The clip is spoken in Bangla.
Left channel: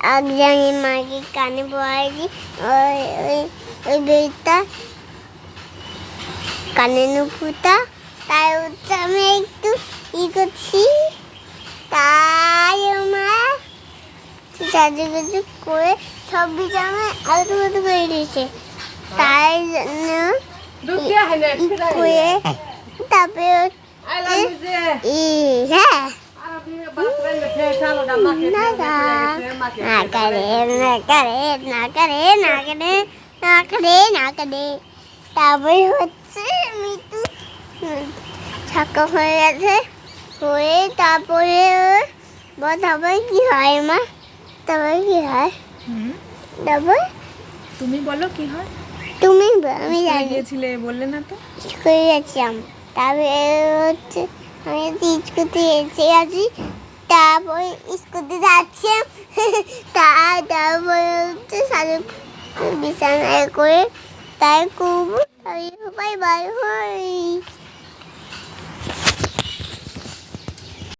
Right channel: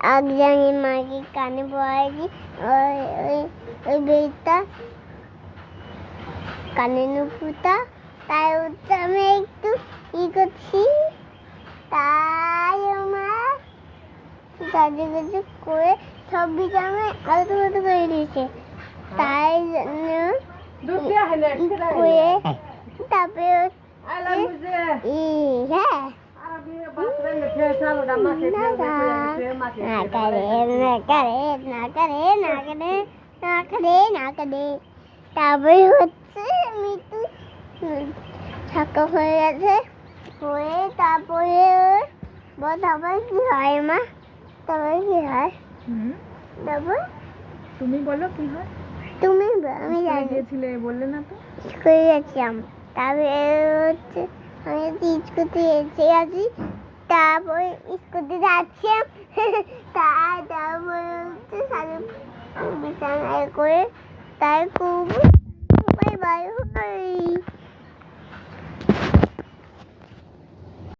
একজনের মাকে কানে পড়াইছি ওই ওই ওই বেড়টা কানে নুপুরটা। তাই হচ্ছে আমি একটু ই করছি। তাই আমার সাজুগুজু করে সব বিছানা আলতু আলতু করে দিয়েছে। তাই জন্য করে তারপরে ই হ্যাঁ তারপরে হচ্ছে মৃত্যু ছাকা হয়ে গেছে হয়ে তারপরে তারপরে কি হয় মা তারপরে কি হয় তারপর তুমি বলো কি হয় তুমি আমি স্কুলে জানি গিয়েছিলে বললে না তো করে যাচ্ছিলাম তারপরে হচ্ছে আমি স্কুটি এসে আছি তারপরে স্কুটি যাচ্ছে। তা তারপরে হচ্ছে সাড়ে বিছানায় করে তাই খুব বাই বাই